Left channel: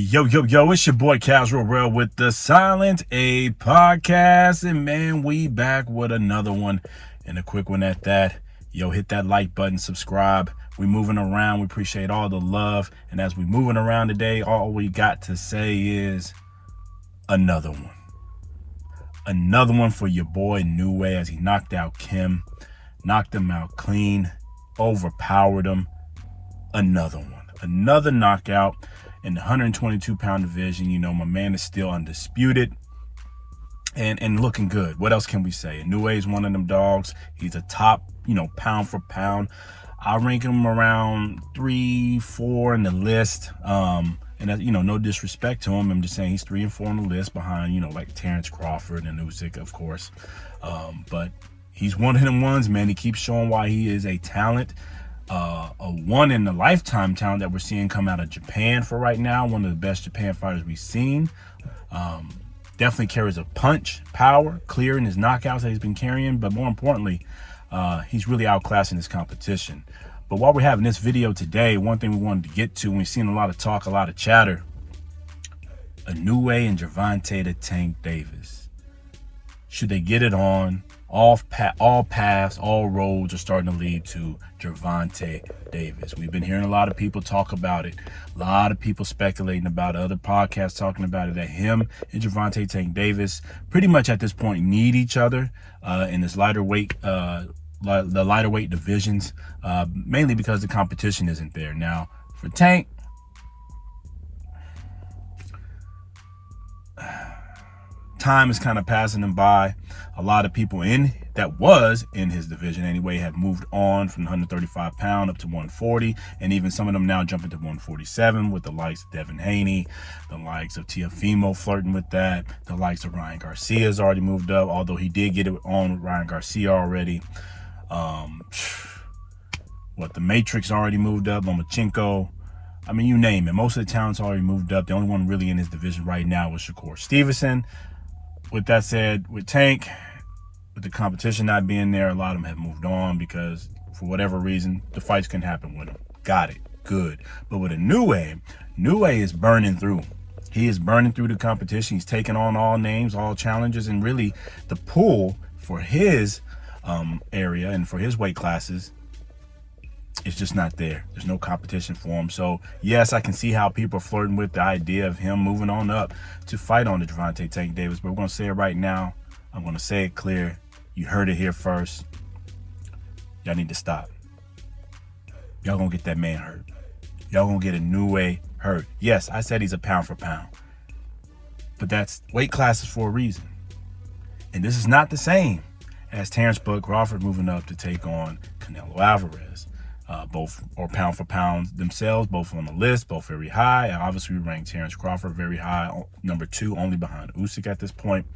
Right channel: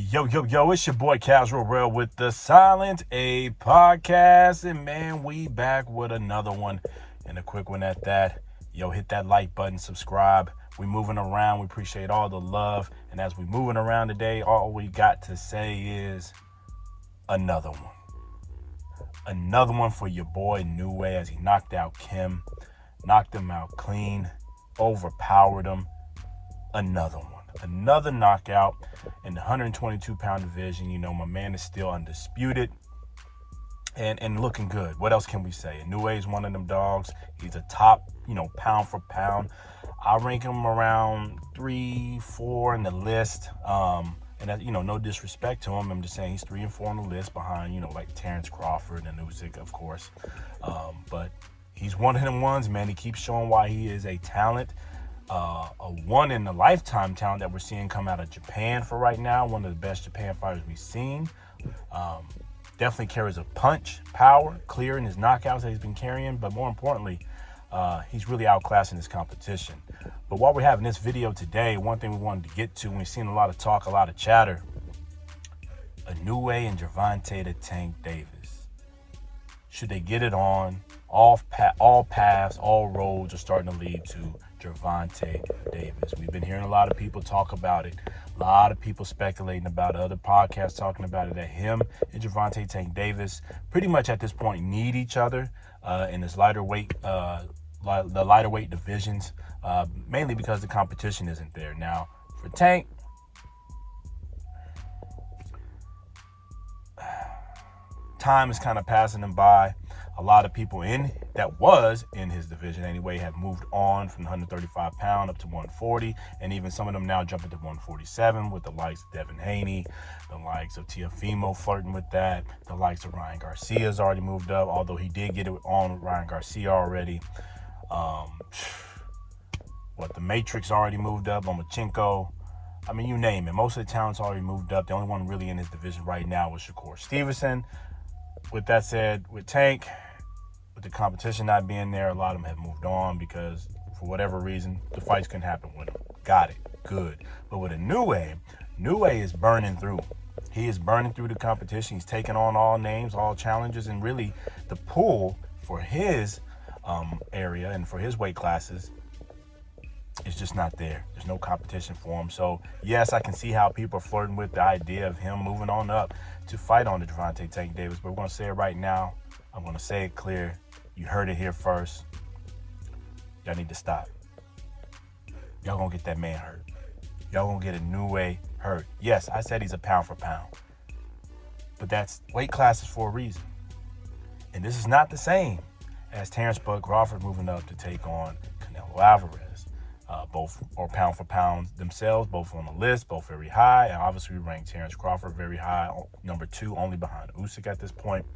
Yo, it's your boy Casual Rail with the Silent A podcast. And man, we back with another one and a quick one at that. Yo, hit that like button, subscribe. We moving around. We appreciate all the love. And as we moving around today, all we got to say is another one. Another one for your boy Inoue as he knocked out Kim. Knocked him out clean. Overpowered him. Another one. Another knockout in the 122-pound division. You know, my man is still undisputed and looking good. What else can we say? Inoue is one of them dogs. He's a top, pound for pound. I rank him around 3, 4 in the list. And no disrespect to him. I'm just saying he's 3 and 4 on the list behind, like Terrence Crawford and Usyk, of course. But he's one of them ones, man. He keeps showing why he is a talent. A one in a lifetime talent that we're seeing come out of Japan for right now. One of the best Japan fighters we've seen. Definitely carries a punch, power, clear in his knockouts that he's been carrying. But more importantly, he's really outclassing his competition. But while we're having this video today, one thing we wanted to get to, and we've seen a lot of talk, a lot of chatter, Inoue and Gervonta the Tank Davis. Should they get it on? All paths, all roads are starting to lead to Gervonta Davis. We've been hearing a lot of people talk about it. A lot of people speculating about it. Other podcasts talking about it, that him and Gervonta Tank Davis pretty much at this point need each other in this lighter weight, the lighter weight divisions, mainly because the competition isn't there. Now, for Tank, time is kind of passing him by. A lot of people that was in his division anyway have moved on from 135 pound up to 140, and even some of them now jumping to 147 with the likes of Devin Haney, the likes of Teofimo flirting with that, the likes of Ryan Garcia's already moved up, although he did get it on Ryan Garcia already. The Matrix already moved up, Lomachenko. I mean, you name it. Most of the talents already moved up. The only one really in his division right now was Shakur Stevenson. With that said, with Tank, with the competition not being there, a lot of them have moved on because for whatever reason, the fights couldn't happen with him. Got it. Good. But with Inoue is burning through. He is burning through the competition. He's taking on all names, all challenges, and really the pool for his area and for his weight classes is just not there. There's no competition for him. So yes, I can see how people are flirting with the idea of him moving on up to fight on the Gervonta Tank Davis. But we're going to say it right now. I'm going to say it clear. You heard it here first. Y'all need to stop. Y'all going to get that man hurt. Y'all going to get Inoue hurt. Yes, I said he's a pound for pound. But that's weight classes for a reason. And this is not the same as Terrence Crawford moving up to take on Canelo Alvarez. Both are pound for pound themselves, both on the list, both very high. And obviously, we rank Terrence Crawford very high, number 2, only behind Usyk at this point,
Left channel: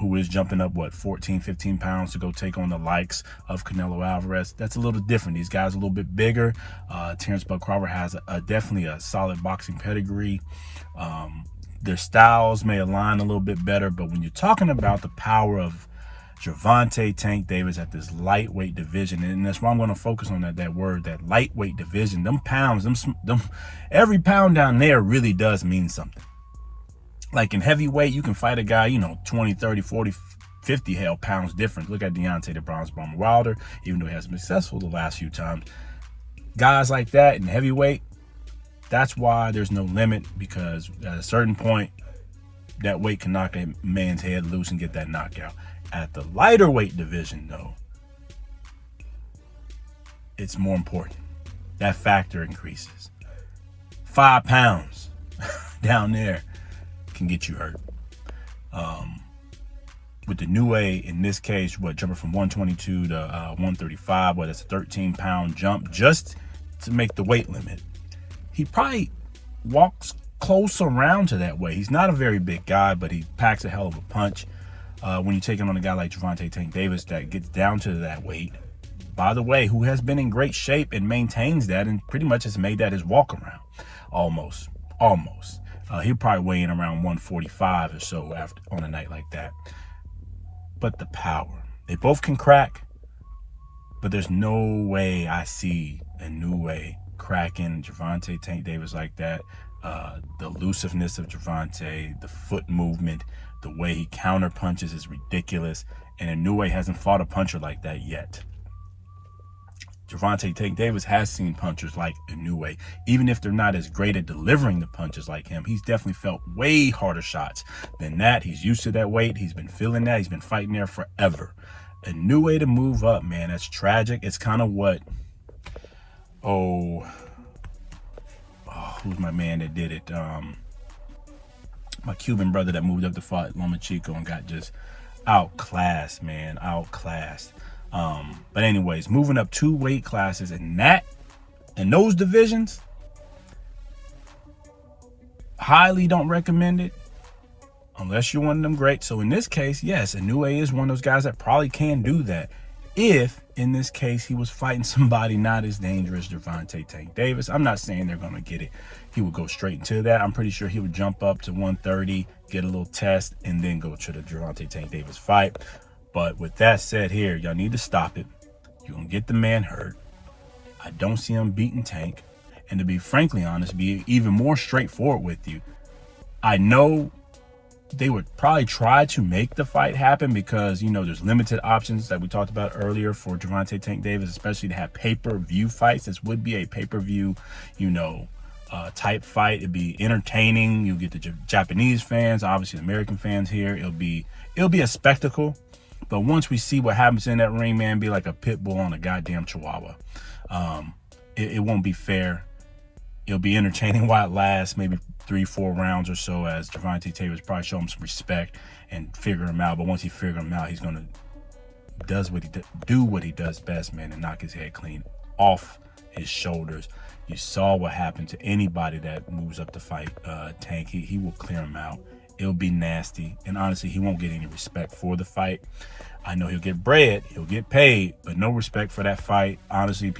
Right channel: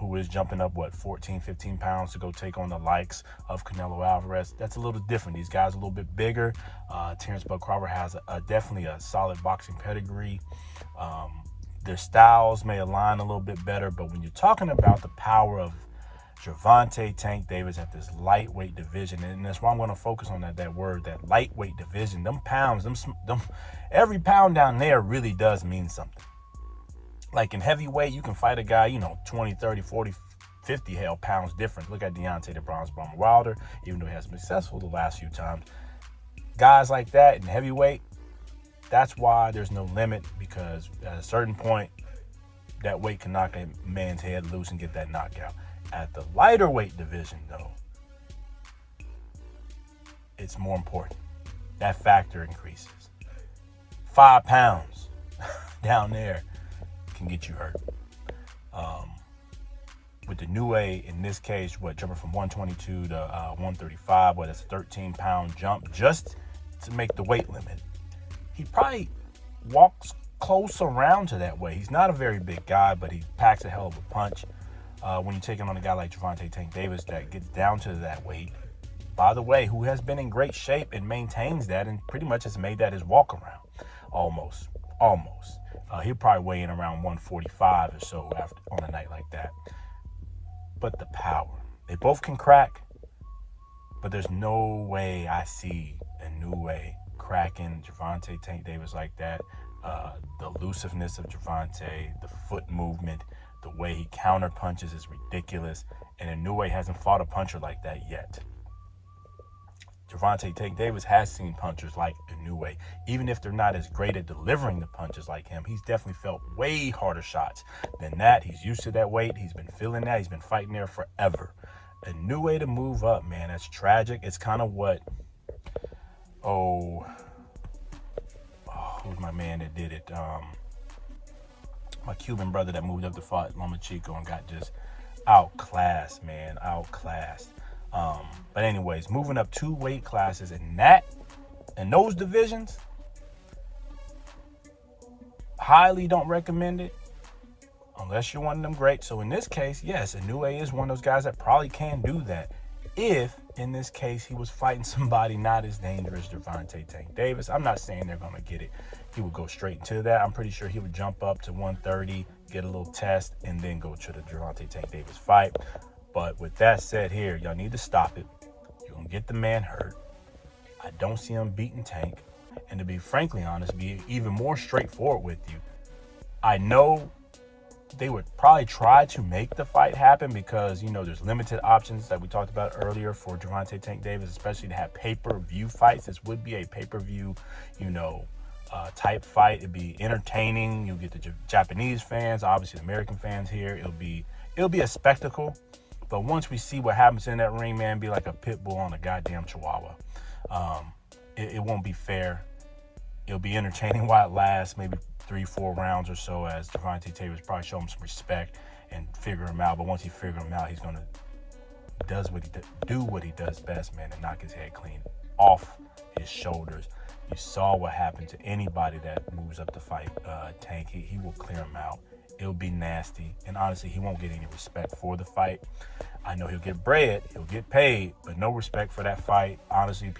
who is jumping up, 14, 15 pounds to go take on the likes of Canelo Alvarez. That's a little different. These guys are a little bit bigger. Terrence Crawford has definitely a solid boxing pedigree. Their styles may align a little bit better, but when you're talking about the power of Gervonta Tank Davis at this lightweight division, and that's why I'm going to focus on that word, that lightweight division. Them pounds, every pound down there really does mean something. Like in heavyweight, you can fight a guy, 20, 30, 40, 50 pounds difference. Look at Deontay the Bronze Bomber Wilder, even though he hasn't been successful the last few times. Guys like that in heavyweight, that's why there's no limit, because at a certain point, that weight can knock a man's head loose and get that knockout. At the lighter weight division, though, it's more important. That factor increases. 5 pounds down there can get you hurt. With the Inoue, in this case, jumping from 122 to 135, that's a 13-pound jump just to make the weight limit. He probably walks close around to that weight. He's not a very big guy, but he packs a hell of a punch. When you're taking on a guy like Gervonta Tank Davis that gets down to that weight, by the way, who has been in great shape and maintains that and pretty much has made that his walk around. Almost. He'll probably weigh in around 145 or so on a night like that. But the power. They both can crack, but there's no way I see Inoue cracking Gervonta Tank Davis like that. The elusiveness of Gervonta, the foot movement, the way he counter punches is ridiculous. And Inoue hasn't fought a puncher like that yet. Gervonta Tank Davis has seen punchers like Inoue. Even if they're not as great at delivering the punches like him, he's definitely felt way harder shots than that. He's used to that weight. He's been feeling that. He's been fighting there forever. Inoue to move up, man, that's tragic. It's kind of what, who's my man that did it? My Cuban brother that moved up to fight Lomachenko and got just outclassed, man, outclassed. But anyways, moving up 2 weight classes in those divisions, highly don't recommend it unless you're one of them great. So in this case, yes, Inoue is one of those guys that probably can do that if, in this case, he was fighting somebody not as dangerous as Gervonta Tank Davis. I'm not saying they're going to get it. He would go straight into that. I'm pretty sure he would jump up to 130, get a little test, and then go to the Gervonta Tank Davis fight. But with that said here, y'all need to stop it. You're going to get the man hurt. I don't see him beating Tank. And to be frankly honest, be even more straightforward with you, I know they would probably try to make the fight happen because, you know, there's limited options that we talked about earlier for Gervonta Tank Davis, especially to have pay-per-view fights. This would be a pay-per-view, you know, type fight. It'd be entertaining. You'll get the Japanese fans, obviously the American fans here. It'll be a spectacle. But once we see what happens in that ring, man, be like a pit bull on a goddamn chihuahua. It won't be fair. It'll be entertaining while it lasts, maybe 3-4 rounds or so, as Gervonta Davis probably show him some respect and figure him out. But once he figure him out, he's gonna do what he does best, man, and knock his head clean off his shoulders. You saw what happened to anybody that moves up to fight Tank. He will clear him out. It'll be nasty, and honestly, he won't get any respect for the fight. I know he'll get bread, he'll get paid, but no respect for that fight. Honestly,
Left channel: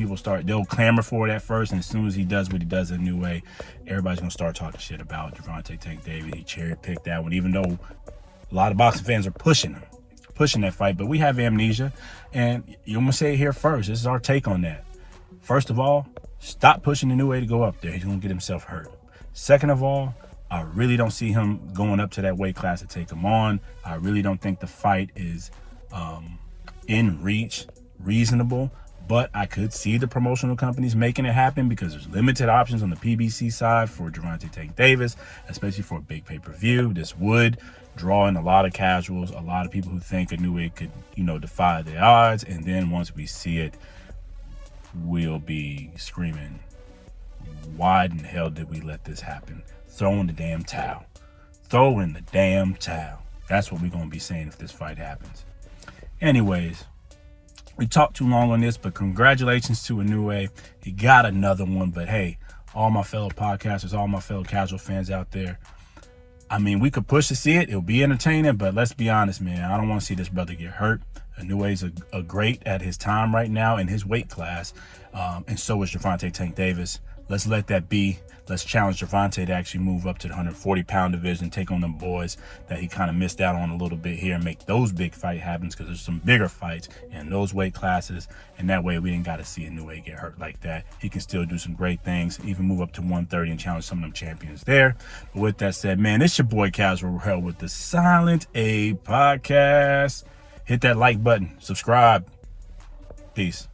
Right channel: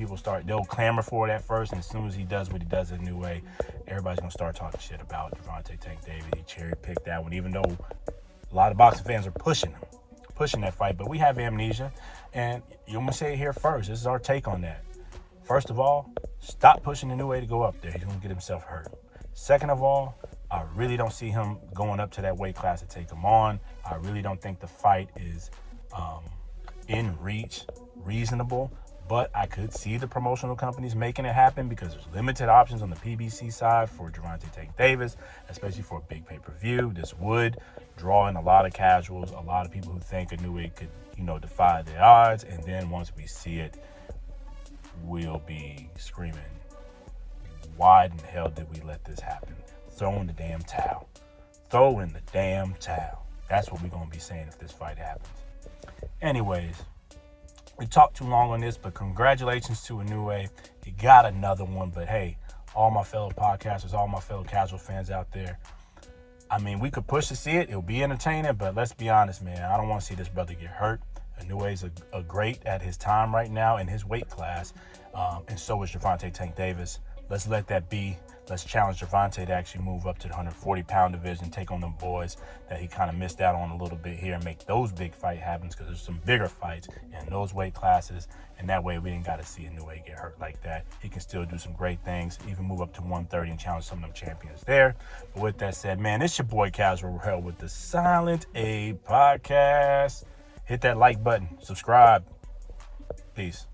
they'll clamor for it at first, and as soon as he does what he does in Inoue, everybody's gonna start talking shit about Gervonta Tank Davis. He cherry-picked that one, even though a lot of boxing fans are pushing that fight. But we have amnesia, and I'm gonna say it here first. This is our take on that. First of all, stop pushing Inoue to go up there. He's gonna get himself hurt. Second of all, I really don't see him going up to that weight class to take him on. I really don't think the fight is in reach, reasonable, but I could see the promotional companies making it happen because there's limited options on the PBC side for Gervonta Tank Davis, especially for a big pay-per-view. This would draw in a lot of casuals, a lot of people who think Inoue could, you know, defy the odds, and then once we see it, we'll be screaming, why in the hell did we let this happen? Throw in the damn towel. Throw in the damn towel. That's what we're going to be saying if this fight happens. Anyways, we talked too long on this, but congratulations to Inoue. He got another one, but hey, all my fellow podcasters, all my fellow casual fans out there, I mean, we could push to see it. It'll be entertaining, but let's be honest, man. I don't want to see this brother get hurt. Inoue's a great at his time right now in his weight class, and so is Gervonta Tank Davis. Let's let that be. Let's challenge Gervonta to actually move up to the 140-pound division, take on them boys that he kind of missed out on a little bit here, and make those big fight happens, because there's some bigger fights in those weight classes, and that way we ain't got to see Inoue get hurt like that. He can still do some great things, even move up to 130 and challenge some of them champions there. But with that said, man, it's your boy Casual Hell with the Silent A Podcast. Hit that like button, subscribe. Peace.